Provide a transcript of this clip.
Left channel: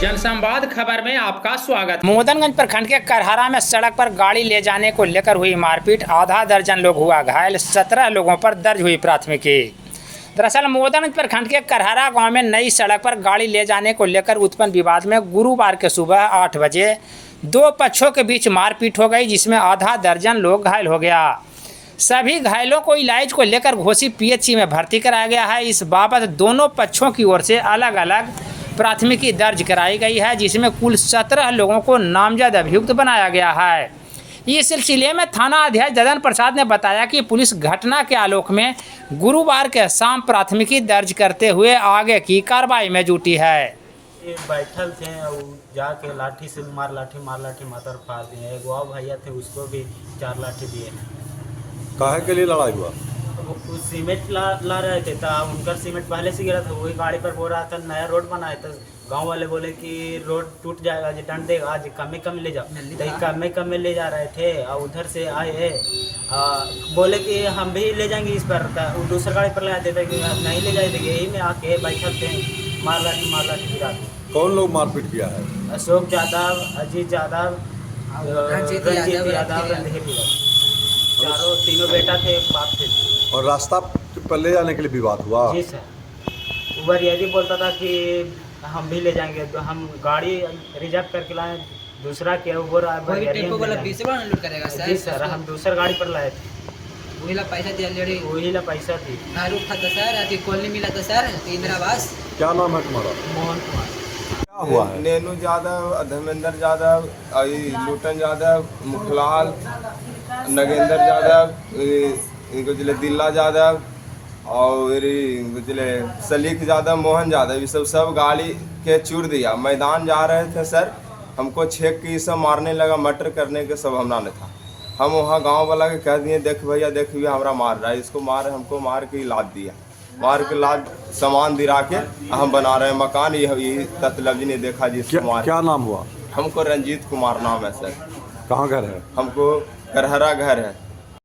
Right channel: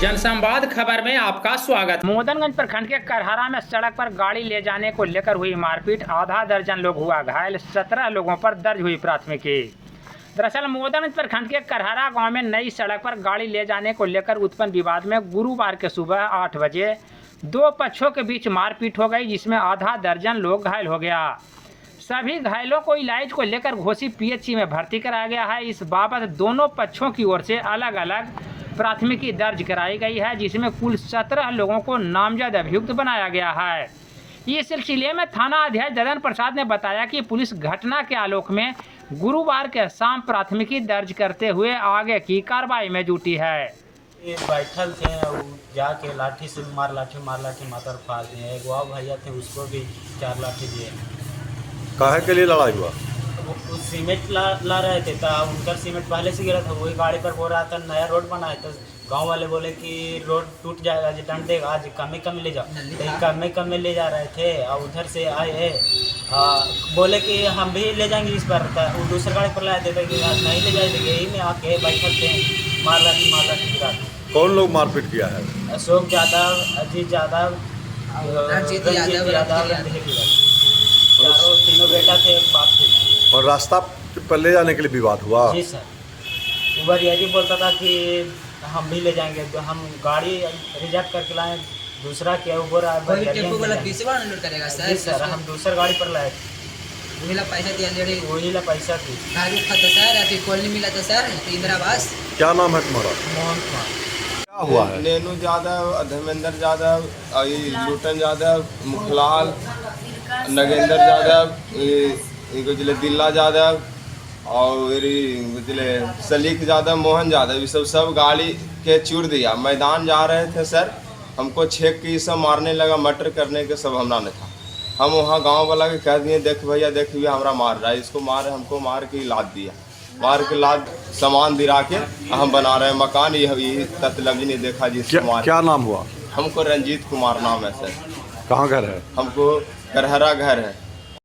जनसंवाद खबर में आपका स्वागत। मोदनगंज प्रखंड के करहरा में सड़क पर गाड़ी ले जाने को लेकर हुई मारपीट, आधा दर्जन लोग हुआ घायल, 17 लोगों पर दर्ज हुई प्राथमिकी। दरअसल मोदनगंज प्रखंड के करहरा गांव में नई सड़क पर गाड़ी ले जाने को लेकर उत्पन्न विवाद में गुरुवार के सुबह 8 बजे दो पक्षों के बीच मारपीट हो गई, जिसमें आधा दर्जन लोग घायल हो गया। सभी घायलों को इलाज को लेकर घोसी पीएचसी में भर्ती कराया गया है। इस बाबत दोनों पक्षों की ओर से अलग अलग प्राथमिकी दर्ज कराई गई है, जिसमें कुल 17 लोगों को नामजद अभियुक्त बनाया गया है। इस सिलसिले में थाना अध्यक्ष ददन प्रसाद ने बताया कि पुलिस घटना के आलोक में गुरुवार के शाम प्राथमिकी दर्ज करते हुए आगे की कार्रवाई में जुटी है। ये बैठल थे और जाके लाठी से मार लाठी मातर फाड़ दिए। एक और भैया थे, उसको भी 4 लाठी दिए। काहे के लिए लड़ाई हुआ? वो सीमेंट ला रहे थे, तो उनका सीमेंट पहले से गिरा था, वही गाड़ी पर बोल रहा था नया रोड बना है। तो गांव वाले बोले कि रोड टूट जाएगा, जो दंड देगा, आज कम ले जाओ। तो कम ले जा रहे थे और उधर से आए बोले कि हम भी ले जाएंगे इस पर। वो दूसरा गाड़ी पर लाए थे कि नहीं ले जाए थे। यही में आके बैठल थे, मार लाठी गिरा। कौन लोग मारपीट किया है? अशोक यादव, अजीत यादव, रंजीत यादव, चारों तीनों बेटा थे, एक बाप थे। और रास्ता पर ले जाने के लिए विवाद हुआ? जी सर। उबर यही बोलता था कि हम भी ले जाएंगे, तो हम गाड़ी रिजर्व करके लाए। दूसरा क्या उबर जी सर, हम दूसरा गाड़ी पर लाए। वही ला पैसा थी। कॉलोनी मिला था सर, इंदिरावास। क्या नाम है तुम्हारा? मोहन कुमार। क्या हुआ है? नेनू यादव, धर्मेंद्र यादव, लूटन यादव, मुखलाल, नगेंद्र यादव, दिल्ला यादव और सलीक यादव, मोहन यादव, ये सब गाड़ी के चूर दिया। मैदान जा रहे थे सर, हमको छेक के सब मारने लगा, मर्डर करने के सब हमला ने था। हम वहाँ गांव वाला के कह दिए, देख भैया देख भैया हमारा मार रहा है, इसको मार, हमको मार के लाद दिया। मार के लाद सामान दिरा के हम बना रहे हैं मकान। ये तत्लब्ज ने देखा जिसको मार। क्या नाम हुआ? हमको रंजीत कुमार नाम है सर। कहाँ घर है? हमको करहरा घर है।